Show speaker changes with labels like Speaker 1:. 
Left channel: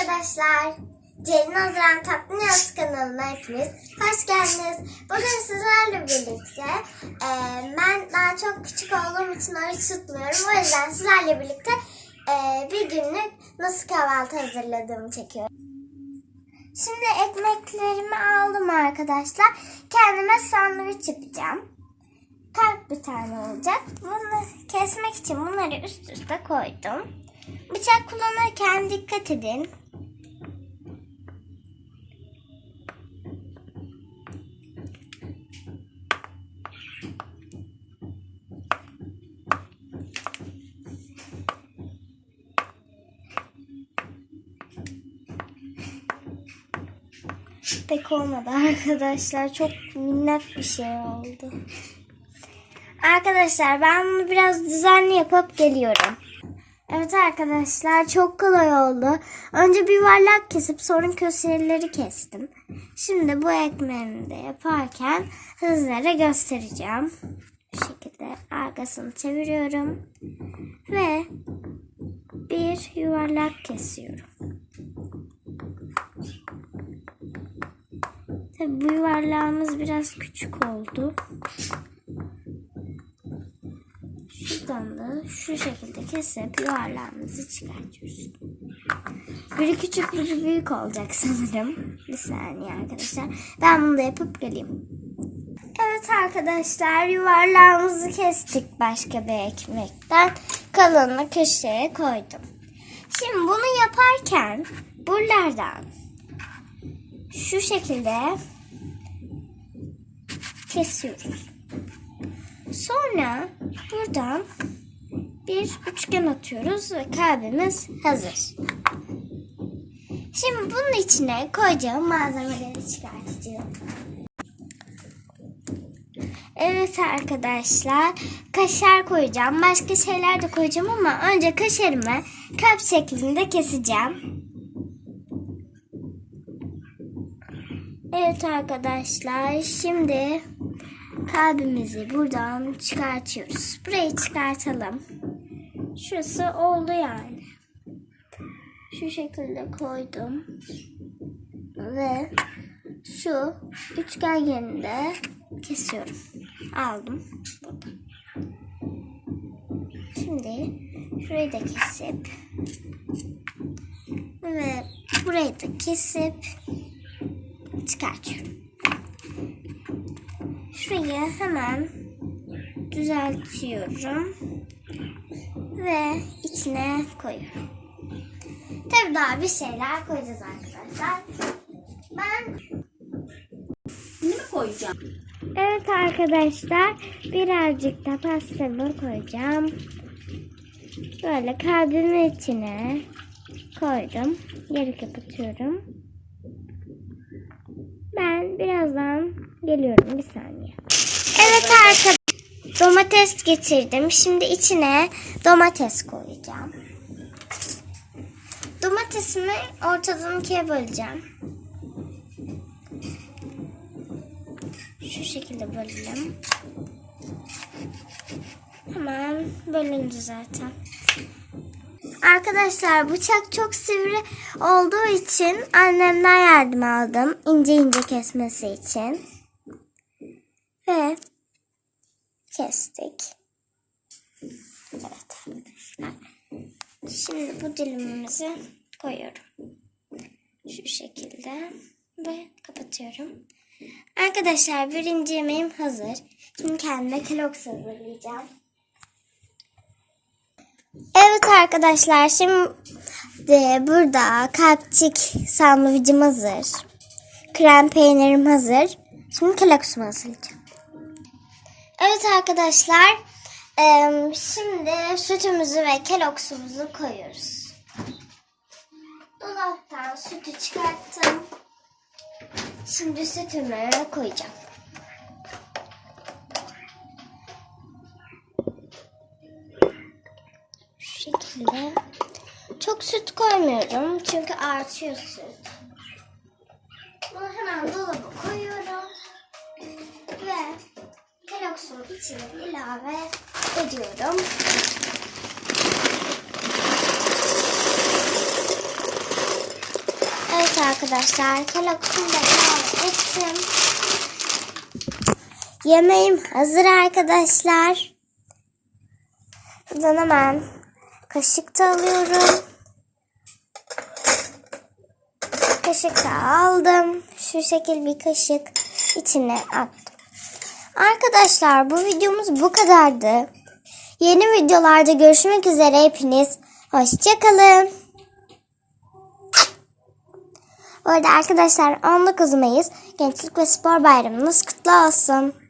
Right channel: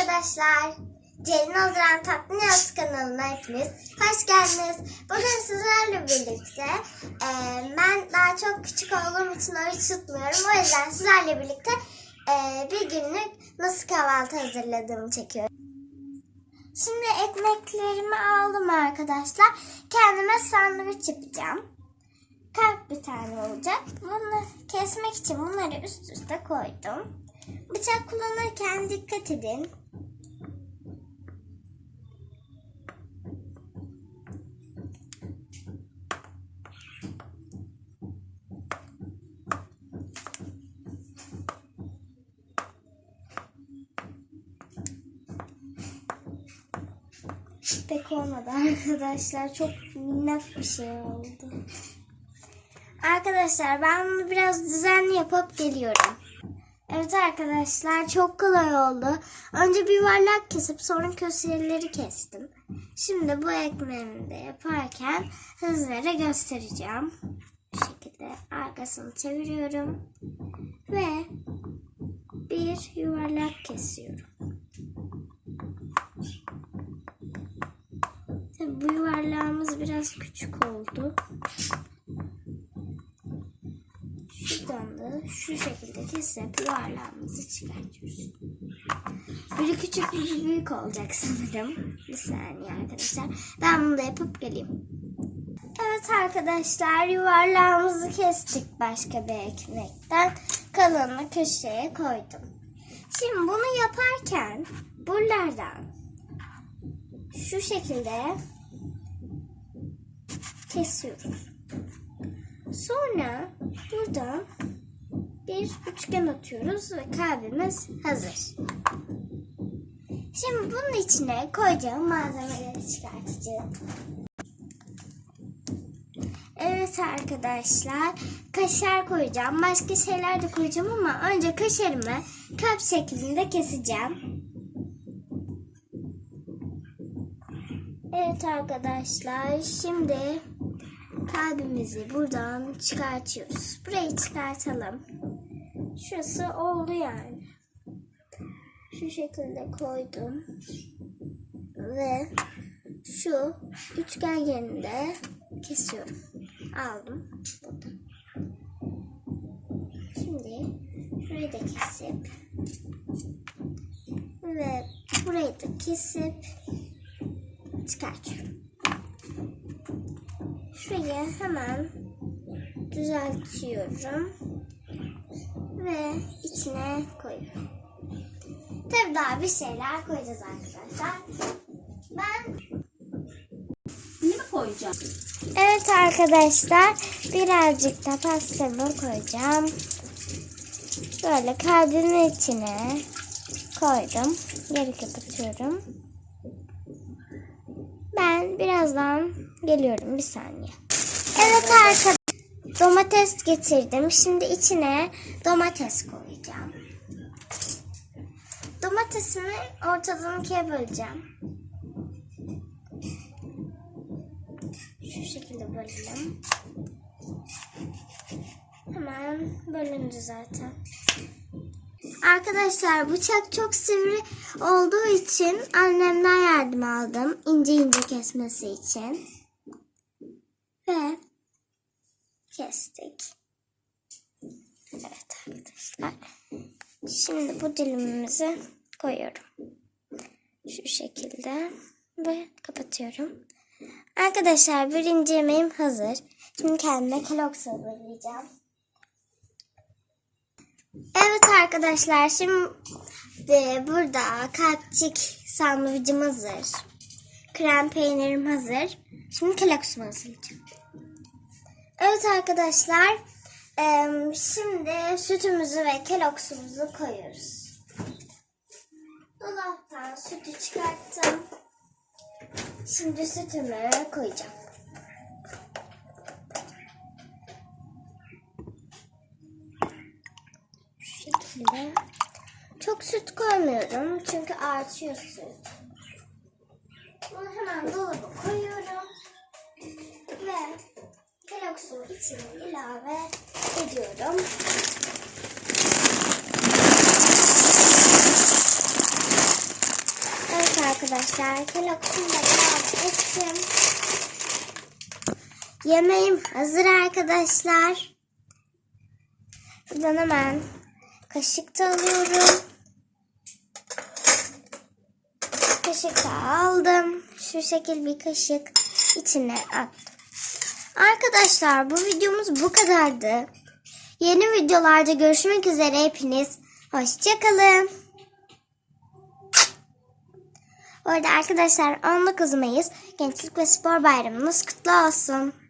Speaker 1: arkadaşlar. Ceylin Haziran Tatlı Yaz kanalına hepiniz hoş geldiniz. Bugün sizlerle birlikte e, ben daha çok küçük olduğum için oruç tutmuyorum. O yüzden sizlerle birlikte e, bir günlük nasıl kahvaltı hazırladığımı çekiyorum. Şimdi ekmeklerimi aldım arkadaşlar. Kendime sandviç yapacağım. Kalp bir tane olacak. Bunu kesmek için bunları üst üste koydum. Bıçak kullanırken dikkat edin. Pek olmadı arkadaşlar. Çok minnet bir şey oldu. Arkadaşlar ben bunu biraz düzenli yapıp geliyorum. Evet arkadaşlar çok kolay oldu. Önce bir yuvarlak kesip sonra köşeleri kestim. Şimdi bu ekmeğimi de yaparken hızlara göstereceğim. Bu şekilde arkasını çeviriyorum. Ve bir yuvarlak kesiyorum. Bu yuvarlağımız biraz küçük oldu. Şuradan da şu şekilde kesip yuvarlağımızı çıkartıyoruz. Biri küçük biri büyük olacak sanırım. Bir saniye arkadaşlar. Ben bunu da yapıp geleyim. Evet arkadaşlar yuvarlağımızı kestik başka bir ekmekten. Kalanını köşeye koydum. Şimdi bunu yaparken buralardan şu şekilde kesiyoruz. Sonra buradan bir üçgen atıyoruz ve kalbimiz hazır. Şimdi bunun içine koyacağım malzemeleri çıkartacağım. Evet arkadaşlar kaşar koyacağım. Başka şeyler de koyacağım ama önce kaşarımı kalp şeklinde keseceğim. Evet arkadaşlar şimdi kalbimizi buradan çıkartıyoruz. Burayı çıkartalım. Şurası oldu yani. Şu şekilde koydum. Ve şu üçgen yerinde kesiyorum. Aldım. Burada. Şimdi şurayı da kesip ve burayı da kesip çıkartıyorum. Şurayı hemen düzeltiyorum ve içine koyuyorum. Tabii daha bir şeyler koyacağız arkadaşlar. Ben
Speaker 2: Ne mi koyacağım?
Speaker 1: Evet arkadaşlar birazcık da pastamı koyacağım. Böyle kalbimin içine koydum. Geri kapatıyorum. Ben birazdan geliyorum bir saniye. Evet arkadaşlar domates getirdim. Şimdi içine domates koyacağım. Domatesimi ortadan ikiye böleceğim. Şu şekilde bölelim. Hemen bölündü zaten. Arkadaşlar bıçak çok sivri olduğu için annemden yardım aldım. ince ince kesmesi için. Ve kestik. Evet arkadaşlar. Şimdi bu dilimimizi koyuyorum. Şu şekilde ve kapatıyorum. Arkadaşlar birinci yemeğim hazır. Şimdi kendime Kellogg's hazırlayacağım. Evet arkadaşlar şimdi burada kalpçik sandviçim hazır. Krem peynirim hazır. Şimdi Kellogg's'umu hazırlayacağım. Evet arkadaşlar şimdi sütümüzü ve Kellogg's'umuzu koyuyoruz. Dolaptan sütü çıkarttım. Şimdi sütümü koyacağım. Şekilde. Çok süt koymuyorum çünkü artıyor süt. Bunu hemen dolaba koyuyorum. Ve Kellogg's'un içine ilave ediyorum. arkadaşlar. Kellogg's'unu da ilave ettim. Yemeğim hazır arkadaşlar. Buradan hemen kaşık da alıyorum. Kaşık da aldım. Şu şekil bir kaşık içine attım. Arkadaşlar bu videomuz bu kadardı. Yeni videolarda görüşmek üzere hepiniz. Hoşçakalın. Bu arada arkadaşlar 19 Mayıs Gençlik ve Spor Bayramınız kutlu olsun.